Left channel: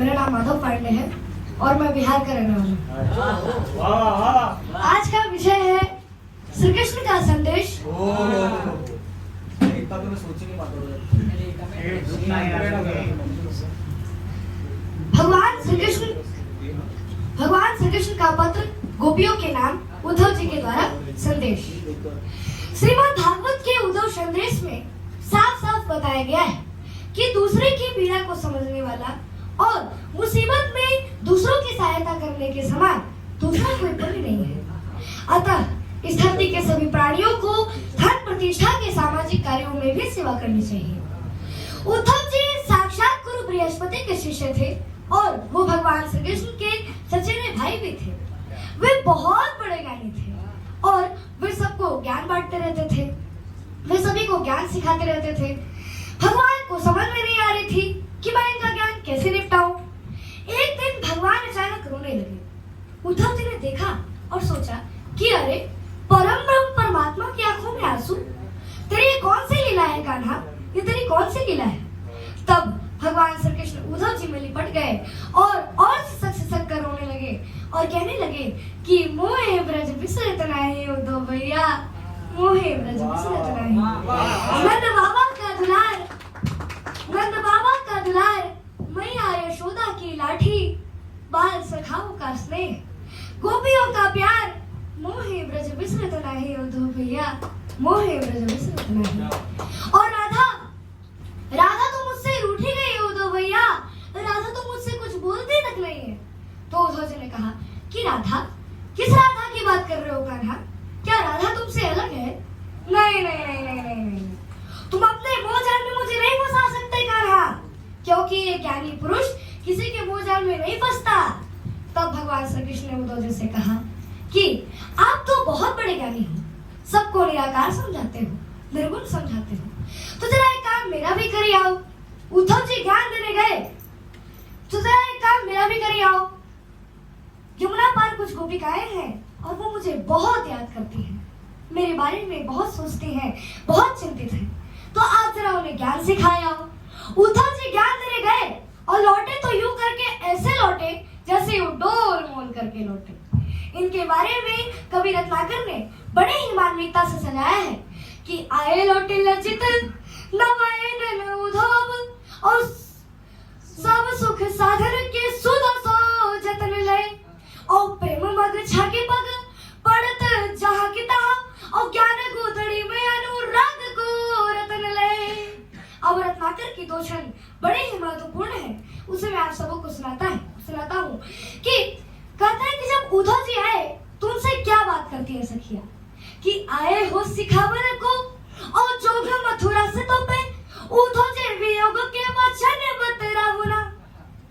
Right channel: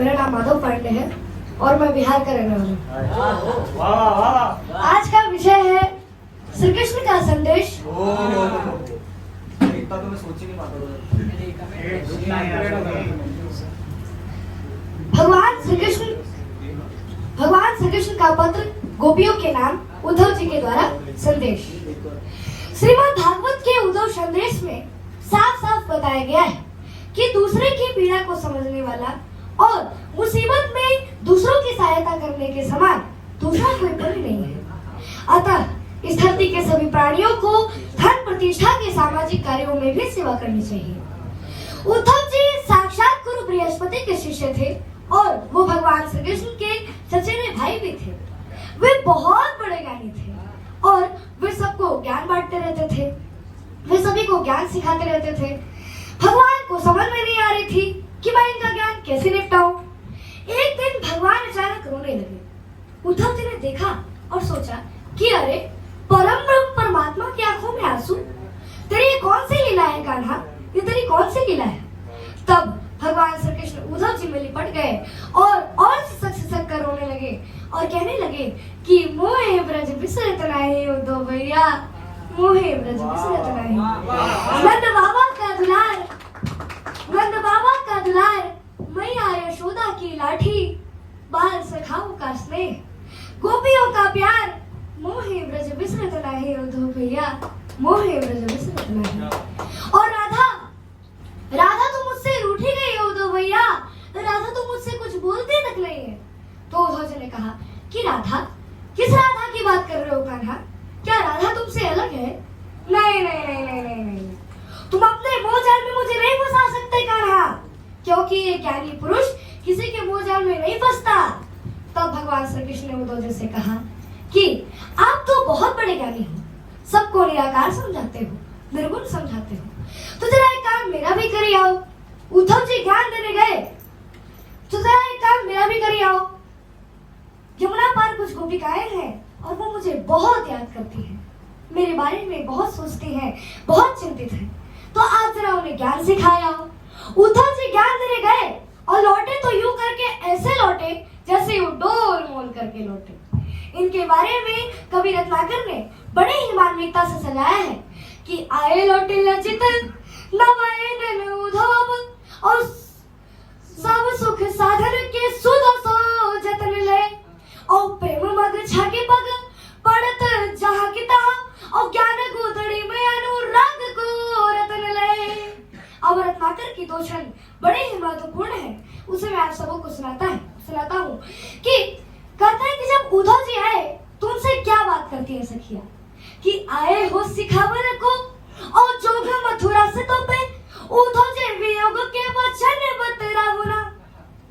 मेरा नाम माधव पांडे है और मैं बिहार का रहने वाला हूँ। आज का विषय है श्री कृष्ण का संदेश। भगवान श्री कृष्ण का पत्र गोपियों के नाम उद्धव जी के द्वारा संदेश। श्रीमद् भागवत के उद्धव संदेश में साफ साफ बताया गया है कि दूसरे की पीड़ा को समझने वाला और मुसीबत में दूसरों की सहायता करने के समान दूसरा कोई पुण्य नहीं है। अतः इस धरती के सभी प्राणियों को धन प्रतिष्ठा के सामाजिक कार्यों में भी सेवा करनी चाहिए। उद्धव जी साक्षात गुरु बृहस्पति के शिष्य थे और वो भगवान श्री कृष्ण के चचेरे भाई भी थे। वे बहुत बड़े ज्ञानी थे और वे सबको ज्ञान बांटते रहते थे। वे सभी को ज्ञान सिखाते रहते थे। भगवान को समझ में नहीं आ रही थी कि मैं इनका ज्ञान कैसे निपटाऊं। एक दिन भगवान अचानक रोने लगे। उद्धव जी ने देखा और सोचा कि अरे परम ब्रह्म परमात्मा की आंखों में आंसू, तेरी ये कौन सी लीला है कान्हा, ये तेरी कौन सी लीला है। तब भगवान श्री कृष्ण उद्धव जी में लिपट गए और सक कर रोने लगे और कहने लगे कि मोहे ब्रज बिसरत नाही उद्धव भैया, मोहे ब्रज बिसरत नाही। नंद बाबा का दुलार, नंद बाबा का दुलार, मैया यशोदा की लाठी, बाल सखाओं का स्नेह, गोपियों का प्यार, मोहे ब्रज बिसरत नाही उद्धव भैया, मोहे ब्रज बिसरत नाही। और राधा, राधा तो मुझसे रूठी गई है उद्धव भैया, राधा तो मुझसे कुछ बोलती तक नहीं है। तो उद्धव जी ने कहा कि राधा, किस राधा की बात कर रहे हो कान्हा, क्या राधा तुमसे अलग है? नहीं नहीं नहीं नहीं नहीं, नहीं। तुम अपने मोहजाल में मुझे नहीं फंसा सकते कान्हा, क्योंकि ये ज्ञानी पुरुष किसी के मोहजाल में नहीं फंसता। तब भगवान श्री कृष्ण ने उद्धव जी से कहा कि आप तो बहुत बड़े ज्ञानी हो, सबको निराकार समझाते हो, निर्गुण समझाते हो, तो जरा एक काम मेरा भी करिए आओ। उद्धव जी ज्ञान देने गए, तो जरा एक काम मेरा भी करिए आओ। यमुना पार कुछ गोपिकाएं हैं और वो मुझे बहुत याद करती हैं, मेरे बारे में बहुत सोचती हैं, बहुत चिंतित हैं, तो आप जरा उन्हें ज्ञान सिखाए आओ। उद्धव जी ज्ञान देने गए और लौटे तो यूं करके ऐसे लौटे जैसे वो डोल मोल करके लौटे। इनके बारे में कवि रत्नाकर ने बड़े ही मार्मिकता से सजाया है कि आए लौटे लचित नमयन उद्धव और सब सुख साधन के सुध सो जतन ले और प्रेम मग्न छाके पग पड़त जहाँ की तहाँ और ज्ञान गोदड़ी में अनुराग को रतन ले। अब रत्नाकर की दो छंद बड़े ही महत्वपूर्ण है, उसे मैं आप सबको सुनाता हूँ कि कहते हैं कि जब उद्धव जी आए तो उनसे क्या बात करती है सखिया कि आए हो सिखावर को और जोगा मथुरा से तो पे उद्धव जी वियोग के वचन बतराओ ना।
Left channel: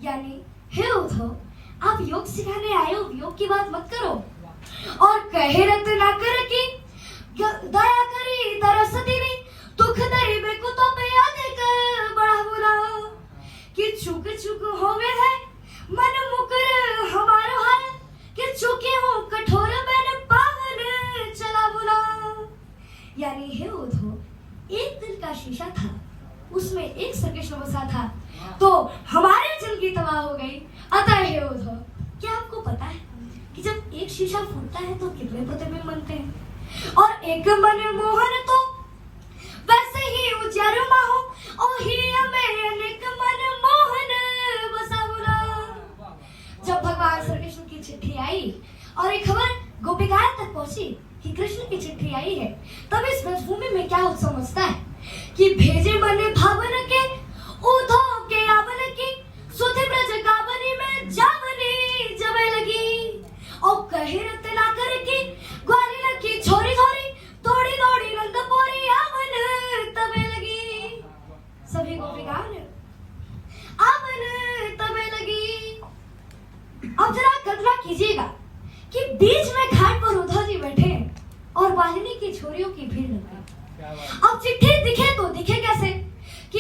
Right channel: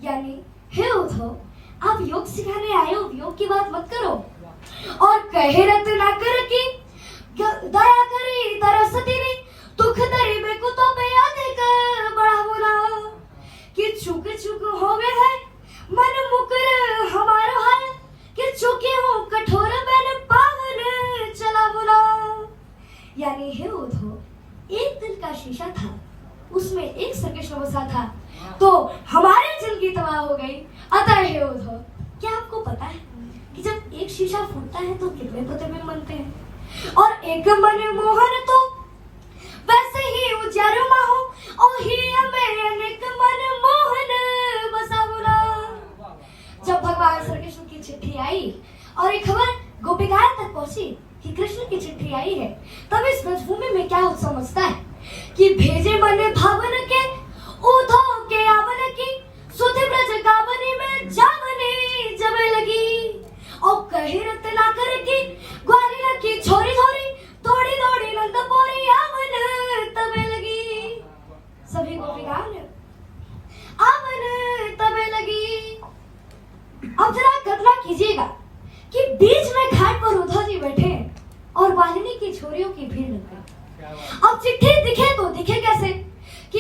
यानी हे उद्धव, आप योग सिखाने आए हो, योग की बात मत करो। और कहे रत्नाकर की दया करी तरस तेरी दुख दरी में को तो पे याद कर बड़ा होना कि चुक चुक हो गए है मन मुकर हमारा हाल कि चुके हो कठोर मैंने पावन चला बुरा। यानी हे उद्धव, एक दिल का शीशा था, उसमें एक श्री कृष्ण बसा था, तो हमारी जिंदगी तबाह हो गई। अतः हे उद्धव, क्या आपको पता है कि जब एक शीशा फूटता है तो कितने प्रतिबिंब बनते हैं, और एक मन मोहन तो वैसे ही उजरमा हो और ही हमें अनेक मन मोहन बसा बुरा। जब भगवान श्री कृष्ण की चिट्ठी आई और एक खबर गोपिकाओं तक पहुंची कि कृष्ण की चिट्ठी आई है, तब इस ब्रजभूमि में क्या उत्सव मचता है कि भेजे मन भावन के उद्धव के आवन की सुधि ब्रज गावनी में जावनी जमे लगी और कहे रत्नाकर की ग्वालियर की छोरी छोरी दौड़ी दौड़ी नंदपुरी आवन तबे लगी। सभी गोपिकाओं ने आवन तबे लगी। अब जरा कल्पना कीजिएगा कि बीच में घाट पर उद्धव जी बैठे हैं और वाहिनी की छोरियों की भीड़ निकली। अब चिट्ठी दिखे तो दिखे कैसे कि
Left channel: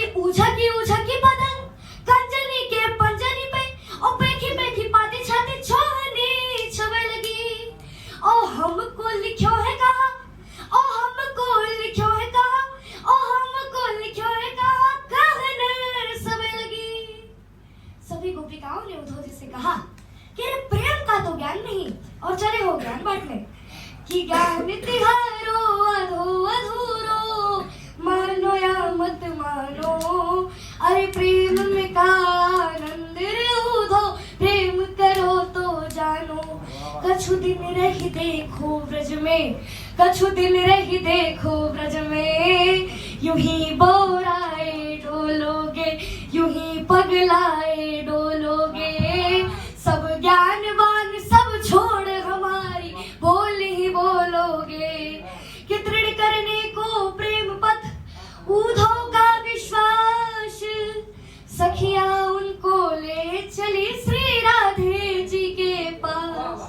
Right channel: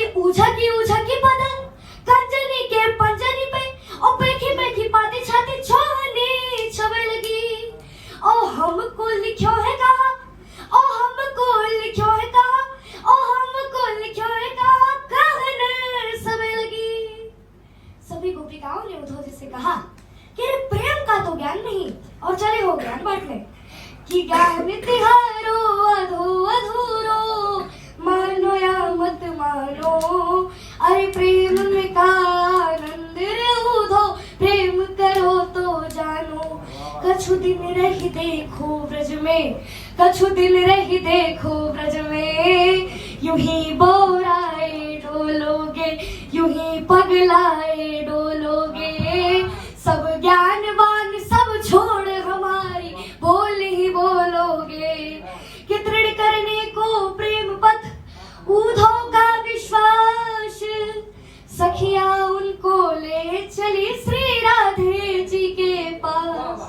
गोपिकाओं ने उद्धव जी से कहा कि अरे प्रेम का तो ज्ञान नहीं और चले हो ज्ञान बांटने कि ज्ञान तिहारो अधो अधूरो मानो या मत मानो अरे प्रेम में का आनंद रे उधो प्रेम करो तो जानो कछु दिन रही देखो ब्रज में कछु दिन रही देखो ब्रज में यूं ही बोराए डोलोगे यूं ही पगलाए डोलोगे सब ज्ञानवान सब छोड़ हमारी बोल ही बोलोगे कि दृढ़ करने को प्रेम पथ उधो का विश्वास सखिया उनको ले चली श्री राधे जी के पास।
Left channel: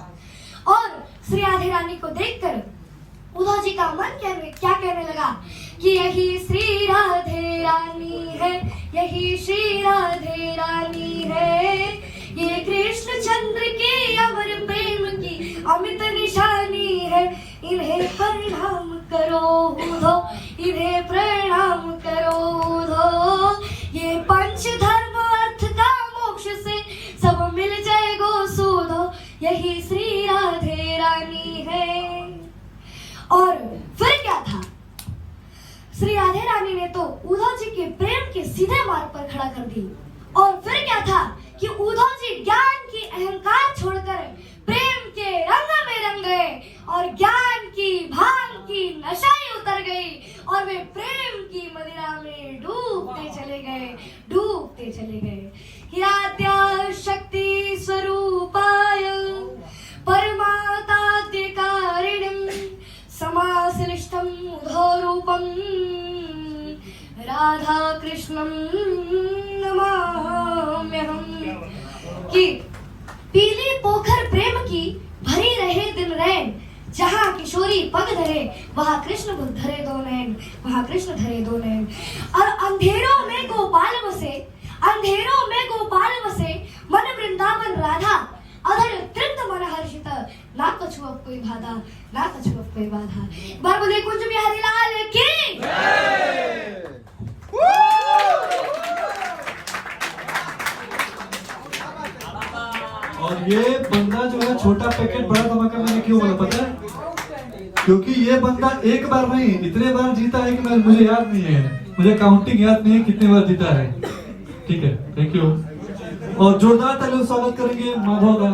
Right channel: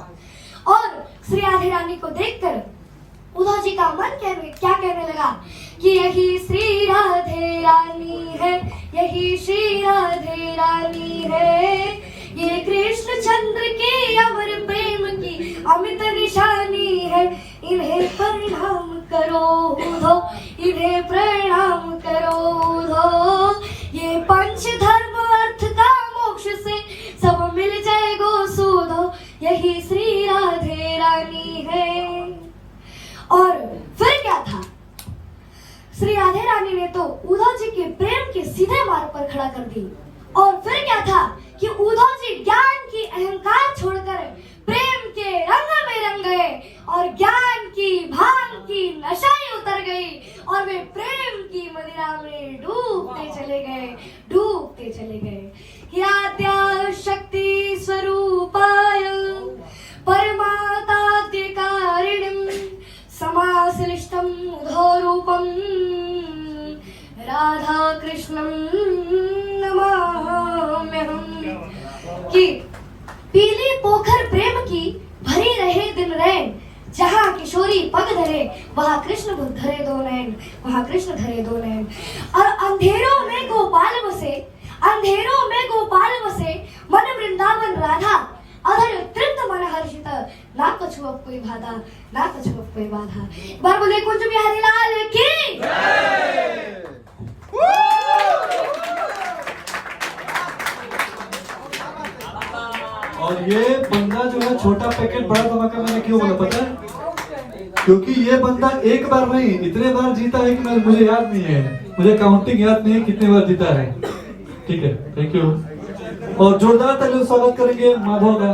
और श्री राधे रानी को देखकर उद्धव जी का मन क्या कहने लगा कि यही श्री राधे रानी है यही श्री राधे रानी है ये कृष्ण चंद्र के अमर प्रेम की अमित निशानी है इन्हें प्रणाम करो उधो इन्हें प्रणाम करो उधो ये पंच धर्म अर्थ का मोक्ष से सब मिल जाएगो सुधो यही श्री राधे रानी है। और फिर क्या था श्री राधे रानी ने तो उद्धव जी के प्रेम के सीधे मार्ग पर खड़ा कर दी। और फिर क्या था कि उद्धव जी ज्ञान की अहंकार छोड़कर प्रेम के रंग में रंग गए और ज्ञान की भान की नशा ही उतर गई और वे प्रेम की मदिरा में डूबते चले गए या शक्ति स्वरूपाय परमाताद्य कारिणीं समाश्लिष्टं उद्धव रूपं राधा कृष्णं नमाम्यहम्। कि पीली पोखर प्रेम की भरी रहे दिन रैन जहाँ किशोरी पग धरे वहाँ कृष्ण धरे दो नैन वहाँ कृष्ण धरे दो नैन। और अंधेरों में गोपाल बसे मन वृंदावन राधा अधर तृप्त मन हर्षित ना कछु अब कोई बाधा ना कछु अब कोई बाधा। एक बार बोले कुंज बिहारी लाल की और ये बंदा जो है छोटा पैकेट बड़ा धमाका मैंने क्यों बोला पता है? क्योंकि ये बंदा एक बार नहीं इतने बार जीता है कि मुझे याद नहीं है, मुझे काउंटिंग याद नहीं है कितने बार जीता है। ठीक है, थैंक यू। और जोरदार तालियों स्वागत करेंगे माधव का।